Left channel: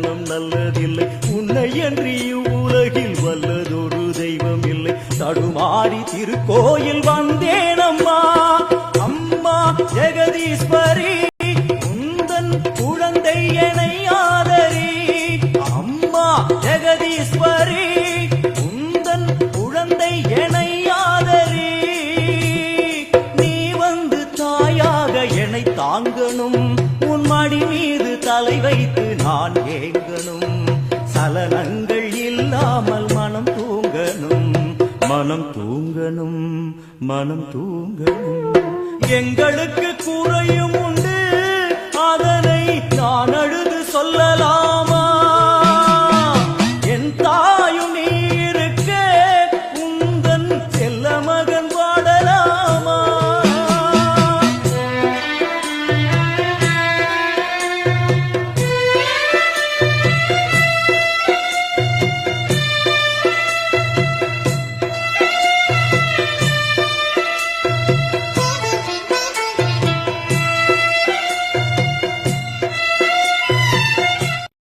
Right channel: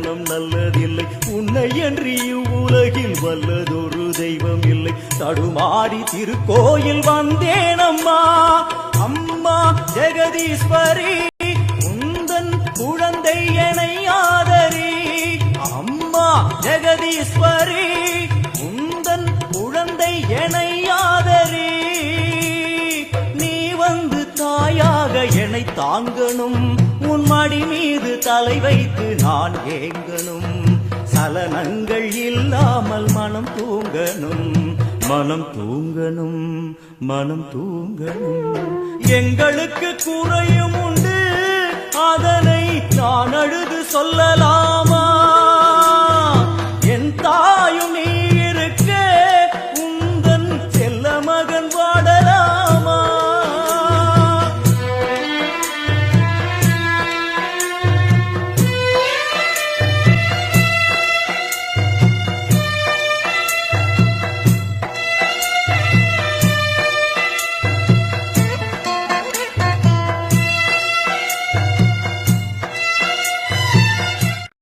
கணம் நல்லதில்லை. உன்னை என்று இவ்வுலகில் வல்லதொரு தெய்வம் இல்லை. தடுமாறி திருக்கோயில் வந்தேனம்மா. அம்மா ஜெகதீஸ்வரி உந்தன் குழந்தை எனை ஆதரி. அம்மா ஜெகதீஸ்வரி உந்தன் குழந்தை எனை ஆதரி. நீ வந்து தாயாக என்னை தாங்கணும். உன் மடி மீது தலை வைத்து நான் ஏங்கணும். சலனங்கள் இல்லாமல் மனம் தூங்கணும். மனம் தூங்கணும். மனம் தூங்கணும். எங்களுக்கு குறையும் உண்டு, அதனை நான் அழுது சொல்லலாமா?